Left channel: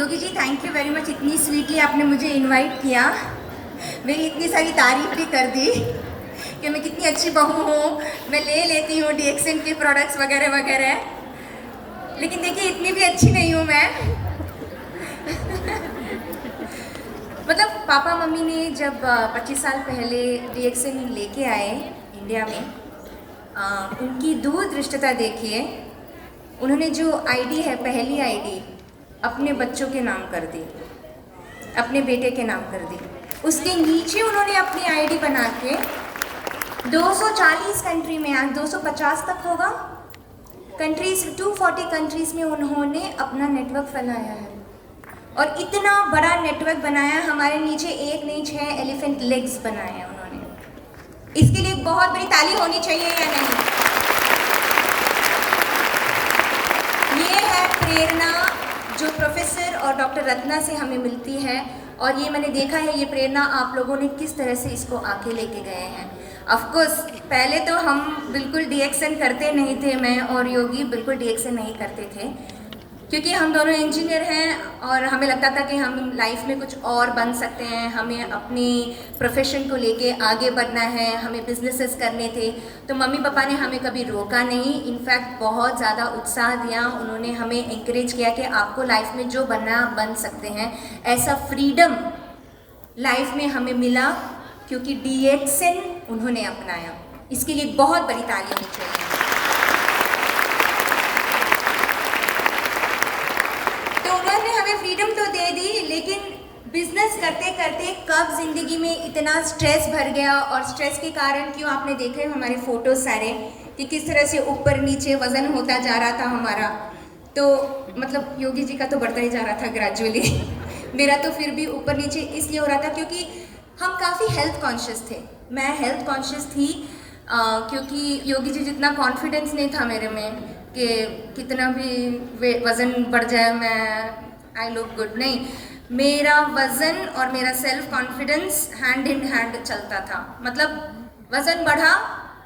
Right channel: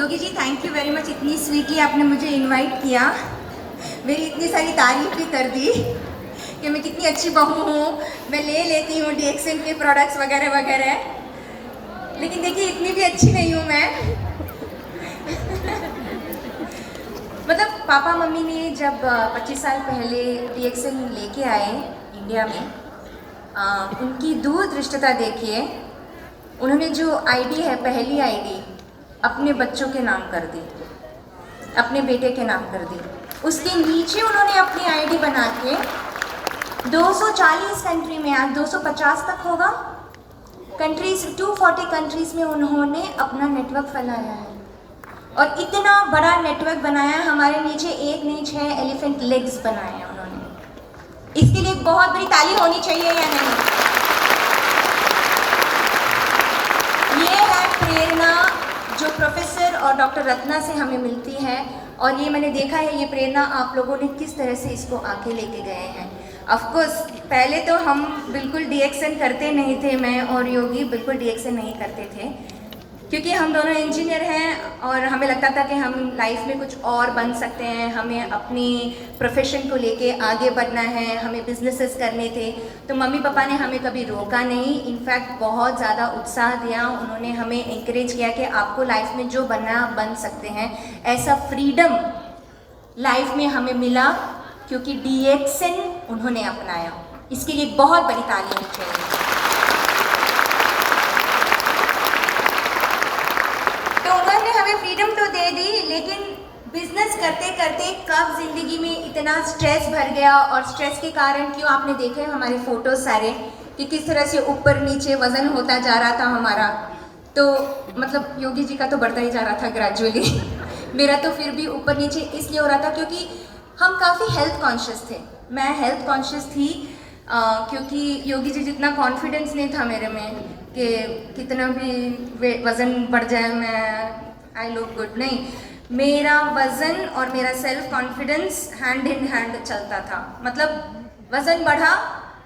Yogi ji thank you very much, इतनी sweetly आपने मुझे इनवाइट किया, मेरी इतनी सारी तारीफ भी कर दी कि मैं कितनी अच्छी बहू हूँ, मैं ले लेती हूँ DXN के प्रोडक्ट्स वगैरह वगैरह। लेकिन देखिए इतनी भी अच्छी नहीं हूँ मैं। मतलब पापा मम्मी ने जब 25 साल पहले DXN लेके आए इंडिया में, उनकी दूरदृष्टता देखिए। उन्होंने जो आईडी है, पहली आईडी अपने बच्चों के नाम कर दी, अपने बेटे के नाम कर दी। उसके नीचे उन्होंने अपनी आईडी बना के 240 कंट्री में, आज 250 तक होगा कंट्रीज, 240 कंट्रीज में उन्होंने अपना नेटवर्क फैलाया है। और इतना बड़ा नेटवर्क बनाया, हमारे नीचे एक नहीं 6 एलिफेंट लेग्स बनाए हैं उन्होंने। इसके लिए बहुत बड़ी ताली होनी चाहिए या नहीं? ये है प्रेरणा जो प्रोफेसर और डॉक्टर रत्ना से हमें मिलती है, और ये मैंने देखा है ये प्रेरणा आप लोगों ने किस तरह से इसको आके लेके गए हैं। ऑफ कोर्स पहले तो हम बिल्कुल DXN करते नहीं थे, मैं और योगी बिल्कुल DXN नहीं करते थे, क्योंकि हम दोनों इंजीनियर हैं और हमें लगता था कि हम लाइफ में कुछ और बन सकते हैं, हमें अपनी प्रोफेशन को लेके आगे बढ़ना है, हमें बिजनेसेस करने थे। तो मम्मी पापा ने हमें कभी रोका नहीं, इनफैक्ट बहुत ज़्यादा उत्साह दिया। उन्होंने हमें इंकरेज किया कि आपको लाइफ में जो बनना है आप बन सकते हैं। ऐसा फ्रीडम लाइफ में हमें मिला क्योंकि DXN उन्होंने अपनाया। इसके लिए बहुत बड़ी ताली होनी चाहिए। फ्रीडम तो दे दी, लेकिन बिजनेस करते करते कब जिंदगी में इतना स्ट्रेस भर गया, और स्ट्रेस के कारण क्यों आपने देखे हमारे फोटोज सारे कि किस तरह से ऊपर नीचे वजन होता जा रहा था हमारा। तो मतलब योगी जी का तो बढ़ता ही जा रहा था ग्रेजुअली। मेरा तो फिर भी ऊपर नीचे इसलिए हो रहा था क्योंकि हम काफ़ी हेल्थ कॉन्शियस थे। मैं हेल्थ कॉन्शियस थी क्योंकि योगी जी जितना कॉन्फिडेंस नहीं था मेरे में कि कितना भी वज़न बढ़ जाए मैं आई लुक गुड, नहीं, मेरा वज़न और मेरा self confidence hand in hand चलता था। मतलब वज़न बढ़ा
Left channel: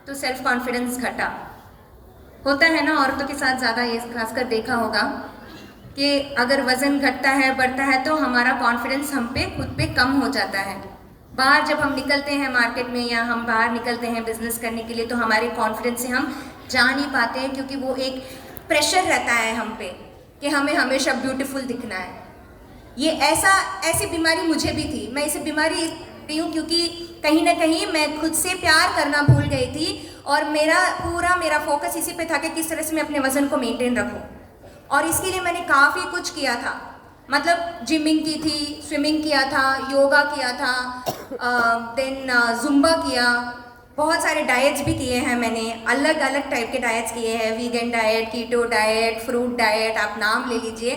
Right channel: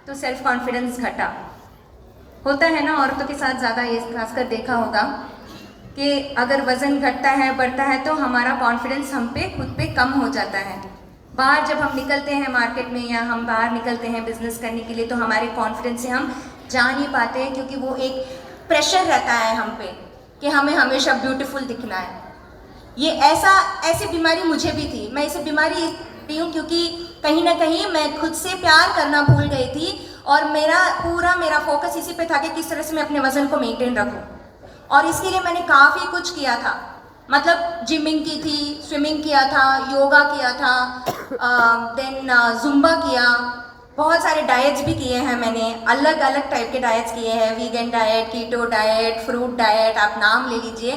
तो सेल्फ कॉन्फिडेंस घटा। होता है ना औरतों के साथ ज़्यादा, ये खासकर देखा होगा कि अगर वज़न घटता है बढ़ता है तो हमारा कॉन्फिडेंस हम पे खुद पे कम हो जाता है। बाहर जब हम निकलते हैं मार्केट में या हम बाहर निकलते हैं बिजनेस करने के लिए तो हमारे कॉन्फिडेंस से हम जा नहीं पाते हैं, क्योंकि वो एक प्रेशर रहता है हम पे कि हमें हमेशा ब्यूटीफुल दिखना है। ये ऐसी बीमारी मुझे भी थी। मैं इसे बीमारी रही हूँ क्योंकि कहीं ना कहीं मैं खुद से प्यार करना भूल गई थी, और मेरा फोकस इसी पे था कि किस तरह से मैं अपने वज़न को मेंटेन रखूँ। और इसके लिए मैंने काफ़ी कुछ किया था। मतलब जिमिंग की थी, स्विमिंग किया था, योगा किया था, देन जुम्बा किया, बहुत सारे डाइट्स भी किए हैं मैंने, अलग अलग टाइप के डाइट्स किए हैं, vegan diet, keto diet, fruit diet, आप नाम ले लीजिए।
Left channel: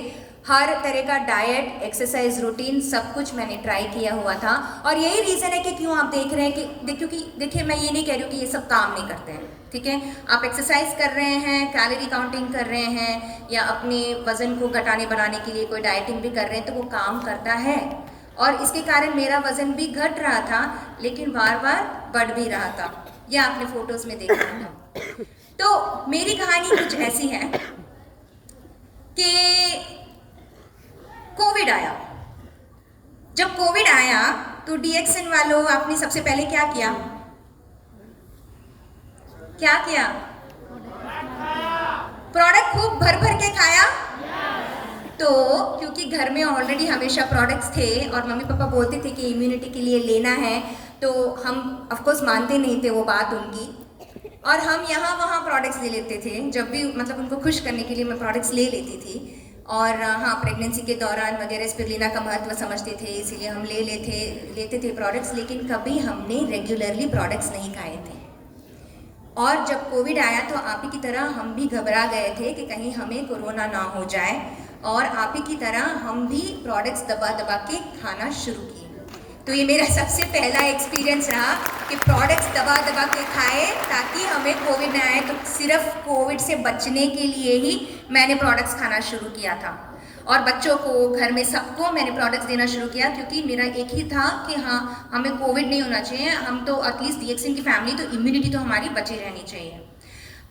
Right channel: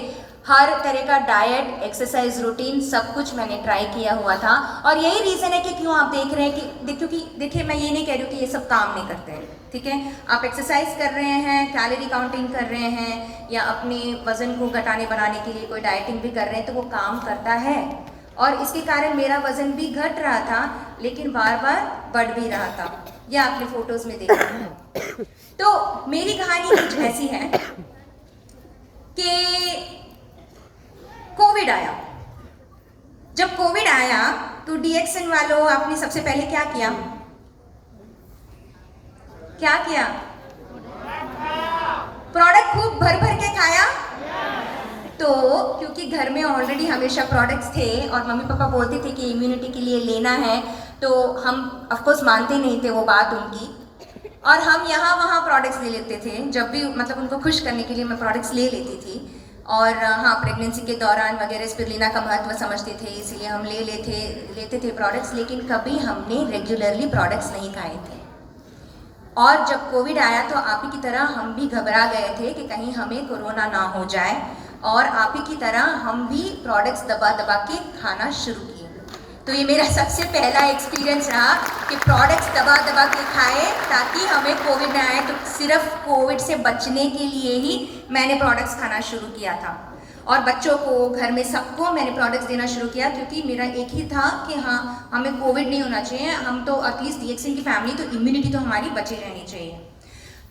हर तरह का डाइट, एक्सरसाइज रूटीन, सब कुछ मैंने ट्राई किया हुआ था। और यही रीज़न है कि क्यों आप देख रहे हैं कि क्योंकि देखिए मैं ये नहीं कह रही हूँ कि ये सब काम नहीं करते हैं, ठीक है। आप एक्सरसाइज कर रहे हैं, कैलोरी काउंटिंग कर रहे हैं, या अपने वज़न को घटाने बढ़ाने के लिए कोई डाइटिंग भी कर रहे हैं, तो वो काम करता है। और इसके कारण मेरा वज़न भी घट रहा था, लेकिन बार बार बढ़ भी रहा था। यह आपने फोटोज में देखा है। तो मेरी कहानी कुछ ऐसी है कि कोविड आया। जब कोविड आया तो DXN वालों आपने सबसे पहले क्या किया? प्रोडक्ट खूब भर भर के खाया। तो क्योंकि घर में ऑलरेडी हमेशा प्रोडक्ट्स थे और मम्मी पापा बोलते थे कि इम्यूनिटी के लिए लेना है, तो हम ऑफ कोर्स मानते नहीं थे वो बात उनकी, और हम यहाँ वहाँ प्रोडक्ट्स ले लेते थे। जब भी मतलब उनको खुश करने के लिए मैं प्रोडक्ट्स ले लेती थी। और हाँ, प्रेगनेंसी के दौरान वगैरह स्पिरुलिना का महत्व समझते थे, इसीलिए हम लेते थे प्रोडक्ट्स, लेकिन कभी हमने रेगुलरली प्रोडक्ट्स नहीं खाए थे। और जब कोविड आया तो आप ही की तरह हम भी घबरा गए थे कि कहीं हमें कोरोना ना हो जाए, और आप ही की तरह हम भी प्रोडक्ट्स दबा दबा के खाना शुरू किए। तो ये मेरा सबसे पहला एक्सपीरियंस रहा कि प्रोडक्ट्स दबा दबा के खाए ताकि हमें कोविड ना आए। तो सिर्फ कोविड से बचने के लिए ही मैंने प्रोडक्ट्स खाना शुरू किया था, और बच्चों को, घर में सबको मैंने प्रोडक्ट्स देना शुरू किया, क्योंकि मेरा एक ही था कि हाँ, हमें कोविड नहीं होना चाहिए, हम तो एटलीस्ट DXN की फैमिली तो इम्यूनिटी तो हमारी बची रहनी चाहिए।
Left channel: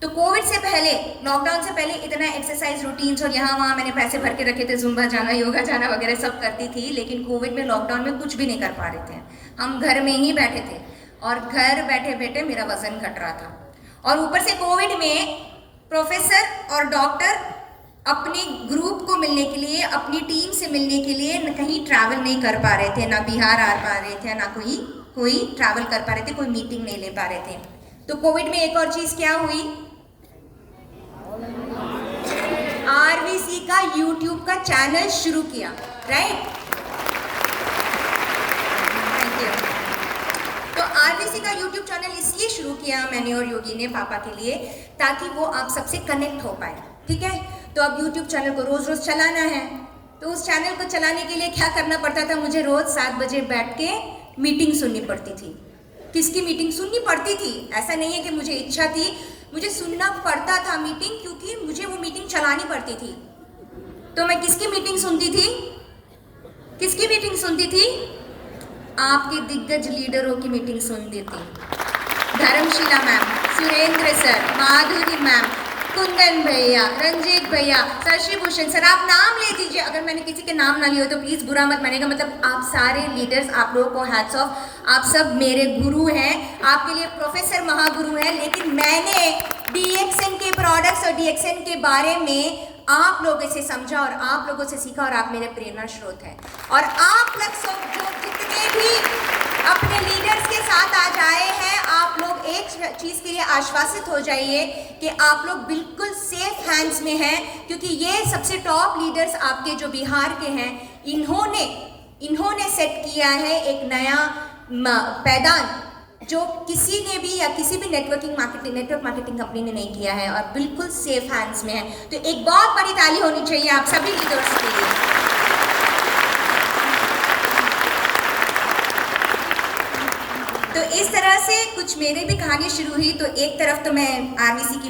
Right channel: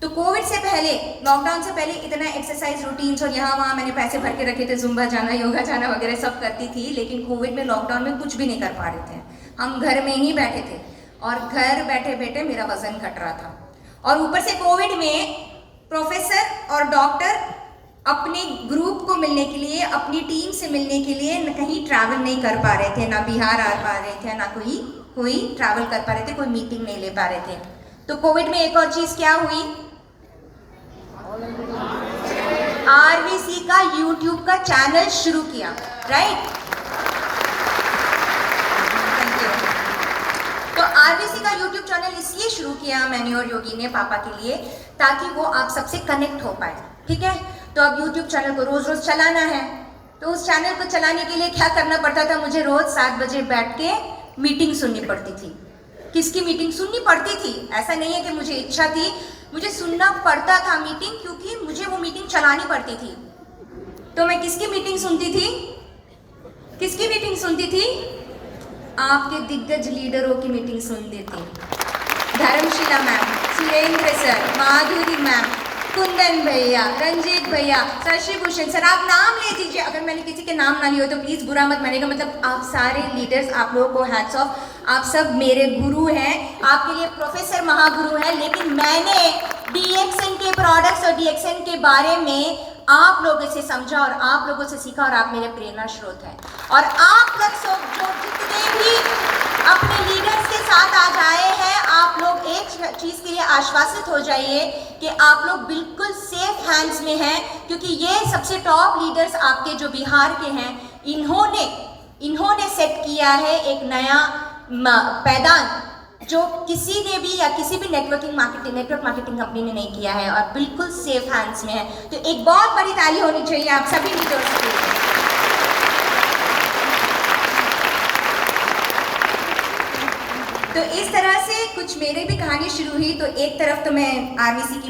तो कोविड से पहले, लॉकडाउन से पहले इतना एक्सरसाइज रूटीन्स और यहाँ वहाँ मैंने पैसे भर के रखे थे, जुम्बा जाना, योगा जाना वगैरह सब करती थी, लेकिन कोविड में, लॉकडाउन में कुछ भी नहीं कर पा रहे थे। हम घर में ही बैठे थे और घर बैठे बैठे मेरा वजन घट रहा था। और ऊपर से कोविड में प्रोफेसर और डॉक्टर अपने ग्रुप को मिलने के लिए, अपनी टीम से मिलने के लिए कहीं ट्रैवल नहीं कर पा रहे थे, ना बिहार आ पा रहे थे, ना कोई ट्रैवल कर पा रहे थे, कोई मीटिंग नहीं ले पा रहे थे। तो कोविड में एक और चीज क्या हुई, आरवीसी का यूट्यूब का चैनल शुरू किया, राइट। Thank you. तो आरवीसी का यूट्यूब चैनल इसलिए शुरू किया मैंने और योगी ने पापा के लिए, ताकि वो आप सबसे कनेक्ट हो पाए, ठीक है। तो अब यूट्यूब चैनल को रोज रोज चलाना है, तो उस चैनल को चलाने के लिए क्या करना पड़ता था, मुझे रोज 7 बजे बैठ के मीटिंग सुननी पड़ती थी। किसकी मीटिंग सुननी पड़ती थी, ऐसा नहीं है कि मुझे इच्छा थी, मुझे सुनना पड़ता था मीटिंग, क्योंकि मुझे वो मीटिंग चलानी पड़ती थी। तो मैं किसकी मीटिंग सुनती थी, किसकी मीटिंग सुनती थी, आपके दिग्गज लीडरों की मीटिंग सुनती थी। धर्मशिला मैम, सुरेंद्र सर, माधुरी मैम, कुंदन भैया, रंजीत भैया, शशि भूषण सर, आप नाम ले दीजिए। अगर मैंने किसी के नाम ना लिए हो तो प्लीज़ बुरा मत मानिएगा, मतलब आप सारे लीडर्स, आप लोगों को हैट्स ऑफ, आप सब मेरे गुरु हैं, आपके लिए प्रोफेसर महागुरु हैं। लेकिन मैंने DXN के प्रोडक्ट्स और DXN के बारे में आप लोगों से समझा और आप लोगों से सीखा, और आप मेरे प्रेरणा स्रोत हैं। और आप लोग सब जो जितने भी अपने लीडर्स के साथ आज आए हैं, आप लोग एक चीज़ के लिए आश्वासित हो जाइए कि आप लोग बिल्कुल सेफ हैंड्स में हैं, क्योंकि ये सबसे टॉप लीडर्स आपके जो बिहार के हैं, इन्होंने सेट किया है एक नया पैदान, जो किसी ने भी या किसी भी नेटवर्क मार्केटिंग कंपनी ने नहीं किया है, और बिल्कुल सेफ हैंड्स में है। तो एक बहुत बड़ी ताली होनी चाहिए आप सभी लीडर्स के लिए। तो इस तरह से कुछ मेरे भी कहानी शुरू हुई। तो एक तरफ तो मैं आरवीसी की